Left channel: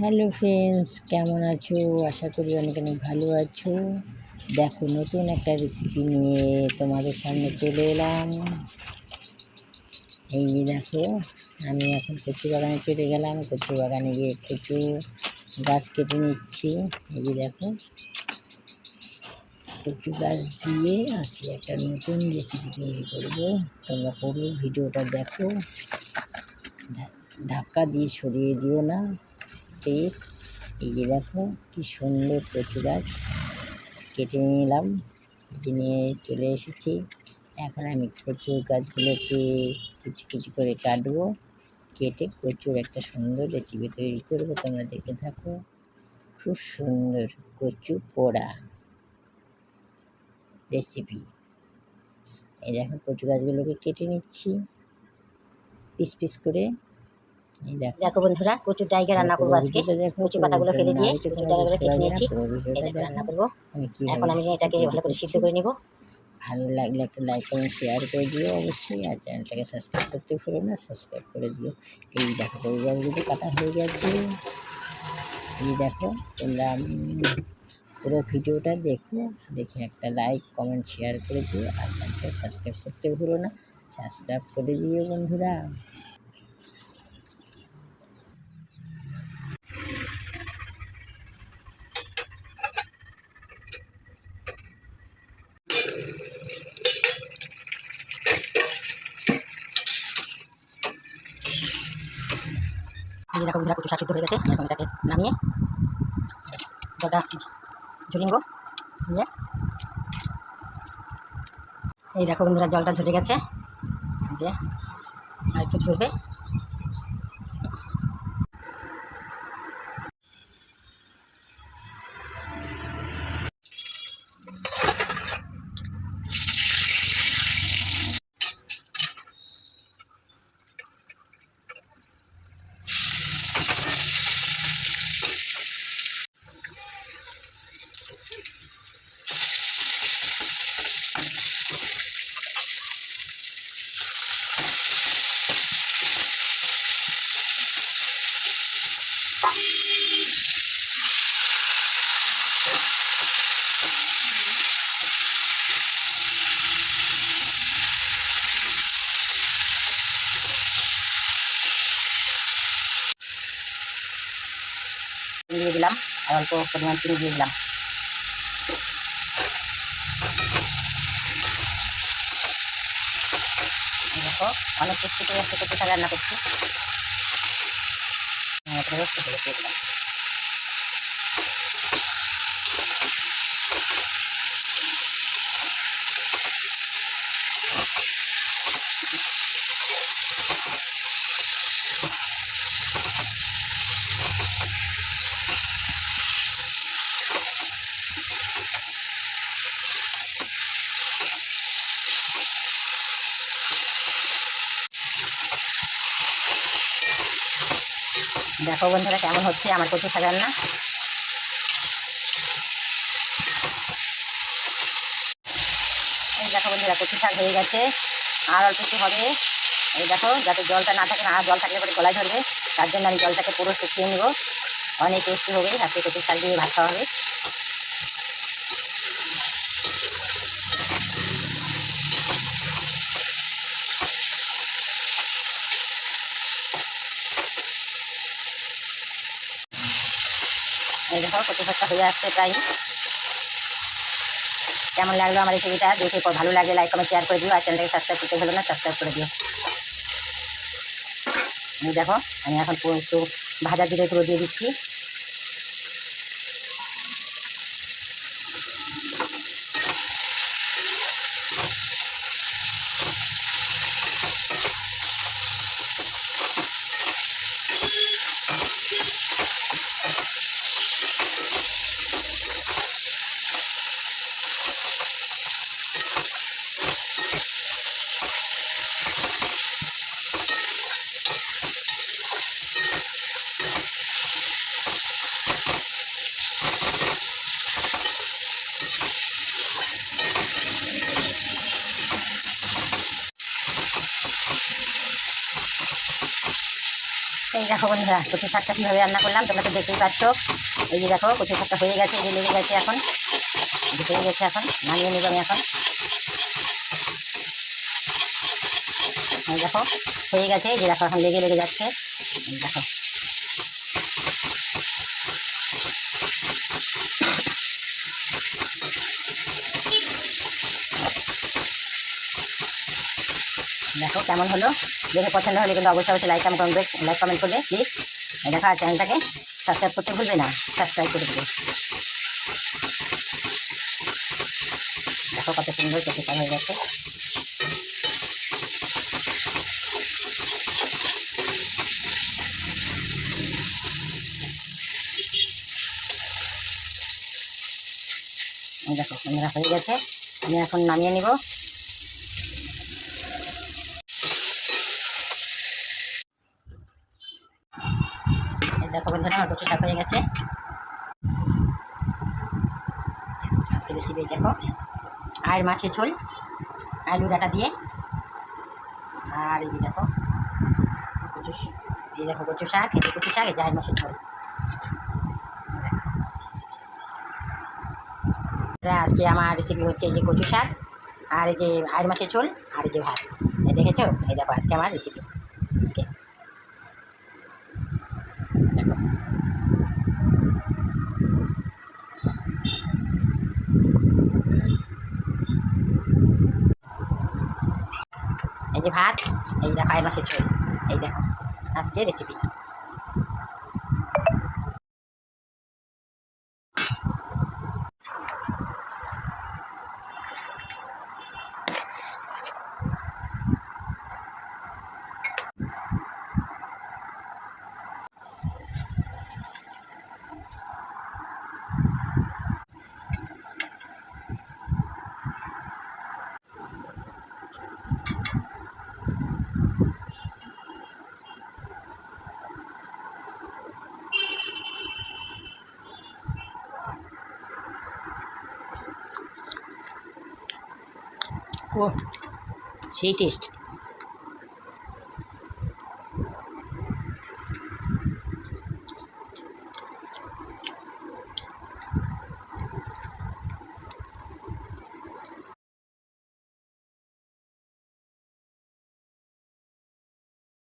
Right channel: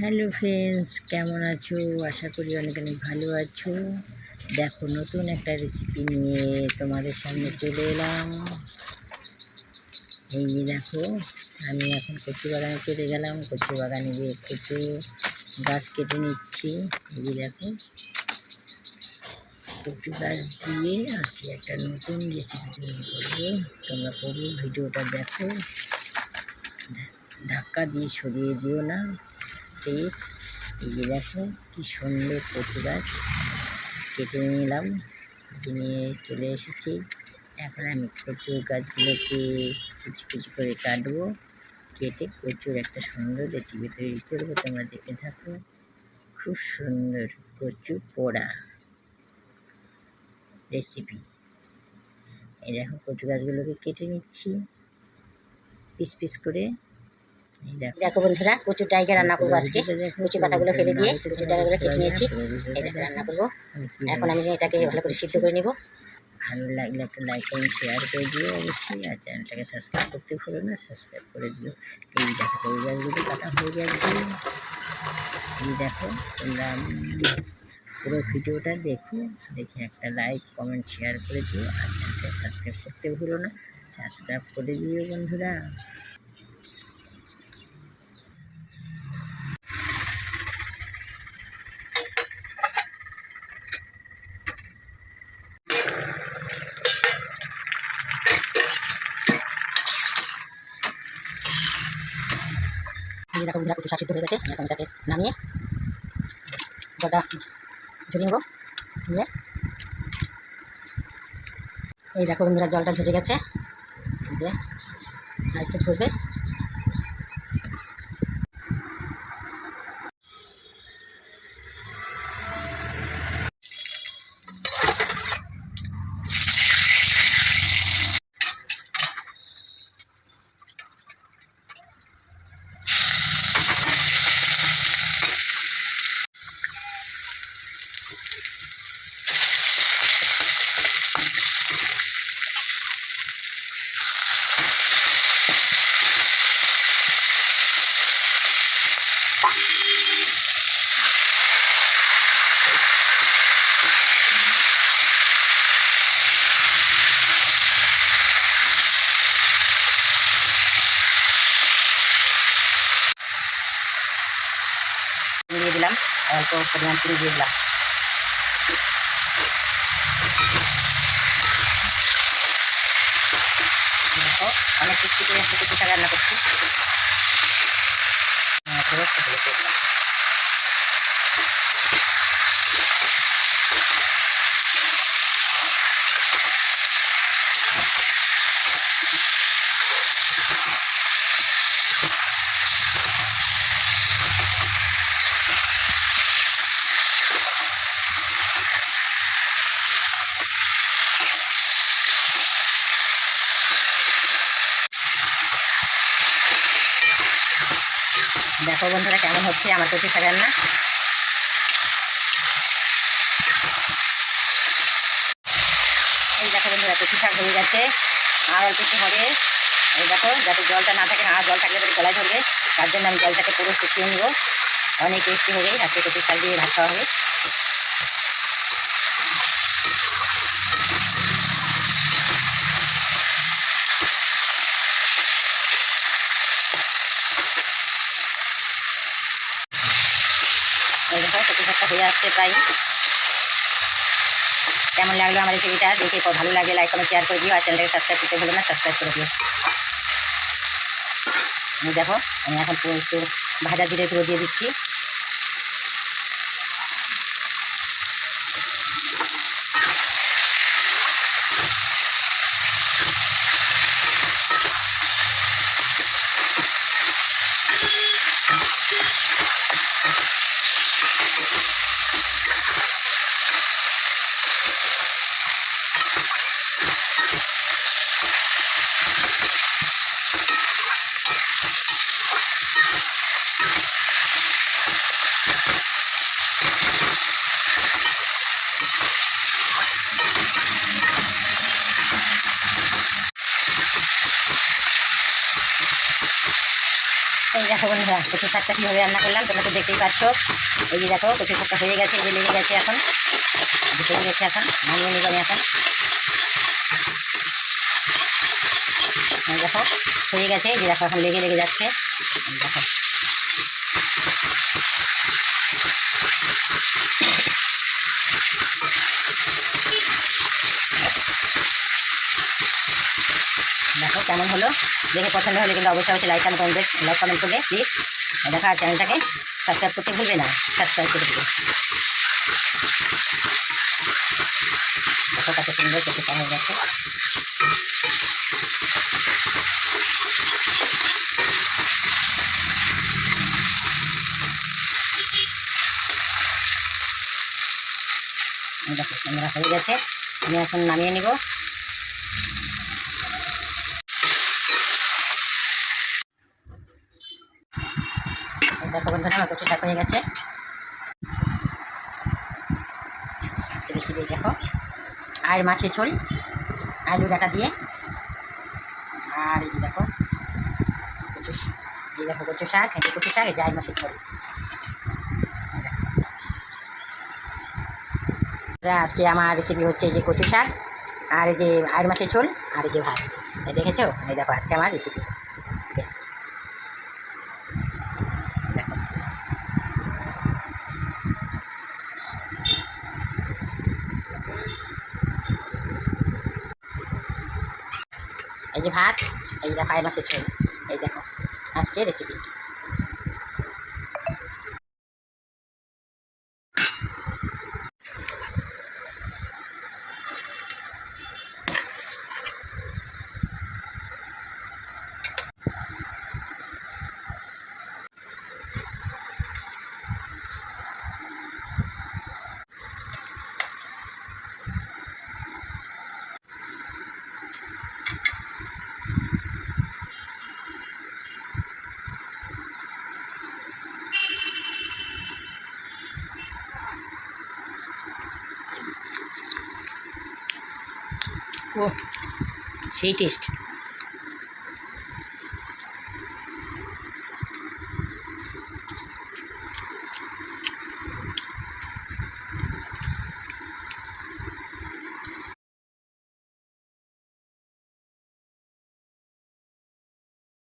Hello friends, কেমন আছো? আশা করি অনেক অনেক ভালো আছো। দেখো, নতুন একটা রেসিপি নিয়ে তোমাদের সামনে চলে এলাম। এই দেখো, আমি এখন কচু বাগানে চলে গেলাম। কচু বাগানে গিয়ে কচু গাছ কেটে নিচ্ছি। এই দেখো, কচু গাছ দিয়ে আসি একটা নতুন রেসিপি তৈরি করব। তোমরা পুরো ভিডিওটা দেখো। ধাক্কা দিয়ে সরিয়ে দিও না। প্লিজ এই যে দেখো, কি সুন্দর কচু গাছ। কেটে নিলাম কেটে নিয়ে চলে এসেছি। এখন আমি কচু গাছগুলোকে কুচি কুচি করে কাটবো। কেটে কচুর একটা সুন্দর রেসিপি তৈরি করব। তোমরা দেখে থাকো। খুব সুন্দর কচু পোড়া রেসিপি। এই দেখো, কচু গাছগুলোকে কেটে নিচ্ছি। পিস পিস করে দেখো। বন্ধুরা কচুর ডাইকে রান্না করব আজকে। কচু পাতাগুলো ফেলে দিয়ে ডাইগুলো কেটে নিয়েছি। এই দেখো রান্না করব। এখন আমি এটাকে ভালো করে সিদ্ধ করে নিব। ভালো লাগলে একটা লাইক কমেন্ট শেয়ার করে দিও অবশ্যই আর চ্যানেলটাকে সাবস্ক্রাইব করতে ভুলো না সাবস্ক্রাইব করে দিও। এই দেখো গাছগুলো কাটা হয়ে গেছে। এই দেখো তোমরা পুরো ভিডিওটা দেখো দেখে একটা লাইক কমেন্ট শেয়ার করে দিও আর চ্যানেলটাকে সাবস্ক্রাইব করতে ভুলো না সাবস্ক্রাইব করে দিও বন্ধুরা। দেখো বন্ধুরা কচু শাক হয়ে গেছে। এখন এটাকে নামিয়ে জলটা ঝরিয়ে নেব, নিয়ে। এই দেখো বন্ধুরা, জলটা ঝরে গেছে। যে, আর একটু ঝরবে। দিলাম। আর অল্প পরিমাণ চিনি দিয়ে দিলাম। দেখো অনেক কিছু করে একটা কচু শাক রান্না করছি এরপরে একটু হলুদ দিয়ে দিলাম দেখো বন্ধুরা কেমন হচ্ছে, আমার কচু শাক রান্না। এই দেখো বন্ধুরা কচু শাক হয়ে গেছে। আর অল্প একটু হবে। এই দেখো, যাতে জলটা না থাকে না জল থাকলে পরে গলায় ধরবে। তার জন্য আমি জলটাকে পুরো শুকিয়ে নিব। অনেক টেস্টি হবে, আজকে কচু শাক দিয়ে ভাত খাওয়া হবে। কচু শাকটা হয়ে আসছে প্রায়। কেমন লাগল আমার রেসিপিটা দেখে ভালো লাগে লাইক কমেন্ট শেয়ার করে দিও। আর চ্যানেলটাকে সাবস্ক্রাইব করতে ভুলো না সাবস্ক্রাইব করে দিও। দেখো, আমি এখন একটু ভাজা জিরে দিয়ে দিচ্ছি। Thank you. এই দেখো বন্ধুরা কচু শাকটা কীভাবে রান্না করলাম, তোমরা তো দেখতেই পাচ্ছ। এই যে দেখো কচু শাকটা হয়ে গেছে এই যে লেগে গেছে এখন। এই গেছে এখন, নামিয়ে নিব আমি এখন। এই দেখো, হয়ে গেছে, এই যে দেখো, এখন লেগে লেগে যাচ্ছে। দেখো। দেখো কেমন হলো। দেখে পছন্দ হলে কিন্তু অবশ্যই অবশ্যই লাইক কমেন্ট করবে লাইক কমেন্ট করবে প্লিজ দেখো চ্যানেলটাকে সাবস্ক্রাইব করতে ভুলবে না। সাবস্ক্রাইব করে দেবে। দেখো কত সুন্দর কেটে হয়ে গেছে। দেখো ক্যামেরা হয়ে গেছে। আমি এখন নামিয়ে নিব। বন্ধুরা আমার কচু শাক হয়ে গেছে। আজকে রেসিপি দেখো। আর মাছের ঝোল, আলু ডাটা দিয়ে। আর এই দেখো, কচু এই দেখো কচু শাক, এই কচু শাক, এই যে আর মাছের ঝোল। আজকে আমার রেসিপি হচ্ছে যে কচু শাক, আর এই যে আর মাছের ঝোল, আর এই যে ভাত। দেখেছ? এই দেখো, আজকে আমার রেসিপি আজকে। দেখো। এই যে ভাত এই দেখো আই মাছের ঝোল এই দেখো। আজকে রেসিপি ও সেই টেস্ট